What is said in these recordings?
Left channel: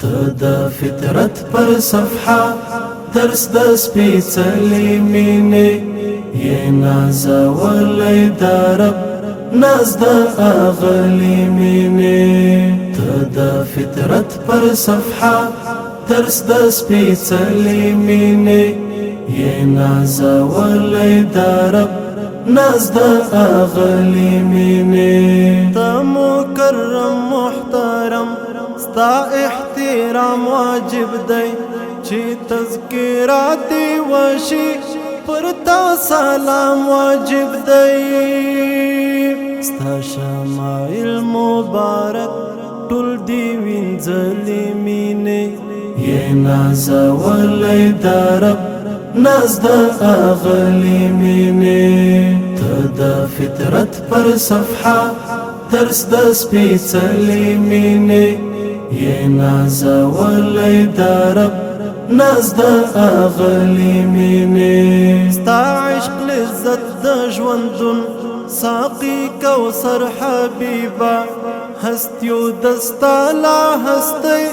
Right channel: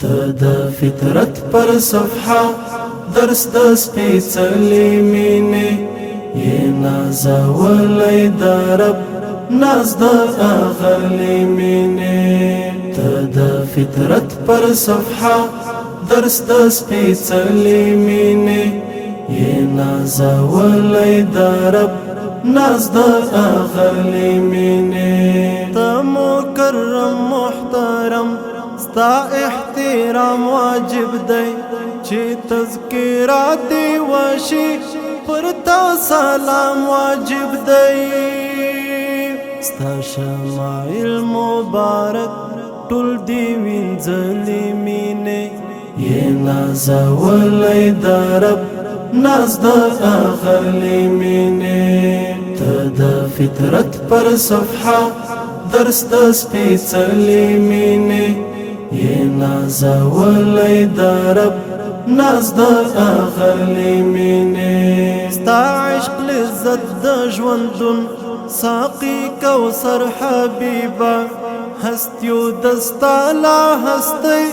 ته فطرت پر صفحه درس د سپېڅلې مینې یې نازولی د رب ناز د اغلې مینې ته د فطرت پر صفحه درس د سپېڅلې مینې یې نازولی د رب ناز د اغلې مینې ته مکرم محترم ستا احترام واجب دی چې تذکرات دی وشي پر تا سلام واجب دی ستا شمائل مبارک ټول دی وینځلې مینې یې نازولی د رب ناز د اغلې مینې ته د فطرت پر صفحه درس د سپېڅلې مینې یې نازولی د رب ناز د اغلې مینې ستا عشق لذت د ژوندون ساقي کوثر حبیبه هستیو دستا لا هستی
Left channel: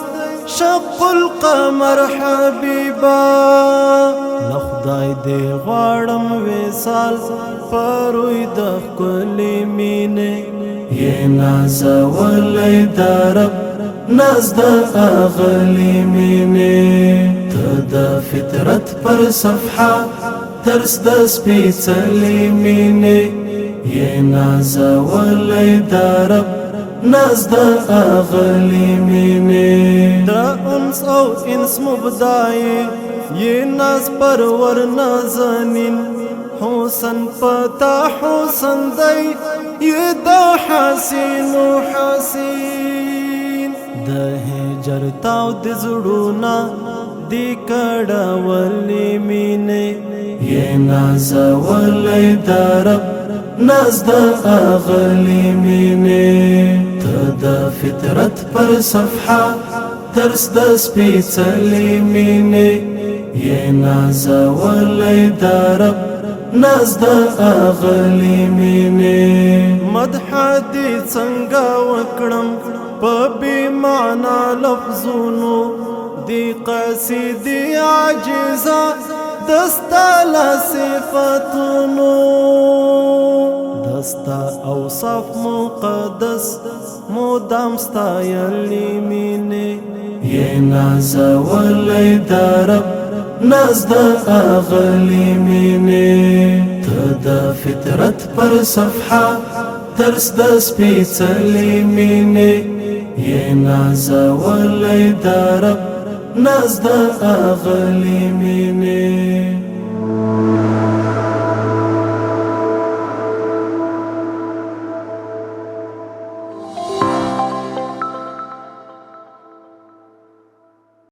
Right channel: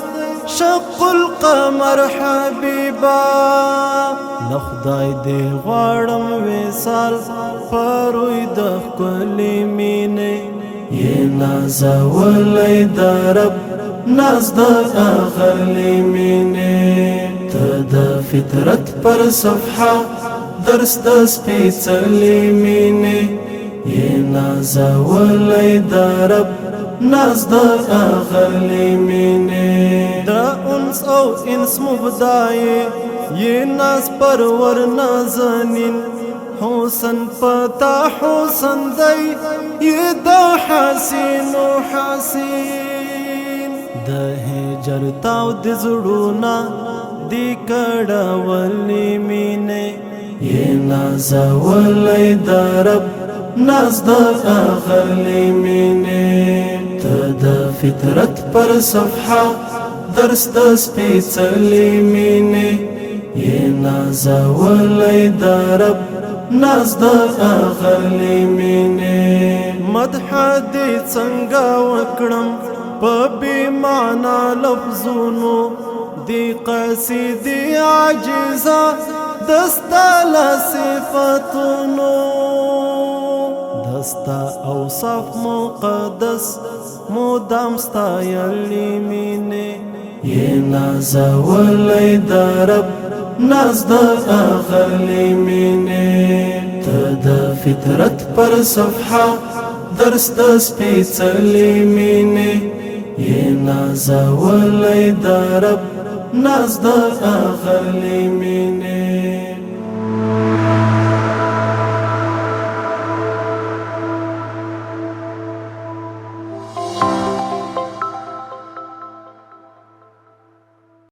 شق القمر حبیبه له خدای دې غواړم وصال پروي د ښکلې مینې یې نازولی د رب ناز د اغلې مینې ته د فطرت پر صفحه درس د سپېڅلې مینې یې نازولی د رب ناز د اغلې مینې د انس او انس مبدای یې ناز پرور نازنین حسن پتا حسن دی یې د حسین و حسین د هجر تاو د زړونه دی کړولې مینې یې نازولی د رب ناز د اغلې مینې ته د فطرت پر صفحه درس د سپېڅلې مینې یې نازولی د رب ناز د اغلې مینې مدح دې څنګه وکړم په بې معنا لفظونو دې قصیدې عاجزه دستا له صفتونو دستا اوصاف مقدس مدام ستایلې مینې یې نازولی د رب ناز د اغلې مینې ته د فطرت پر صفحه درس د سپېڅلې مینې یې نازولی د رب ناز د اغلې مینې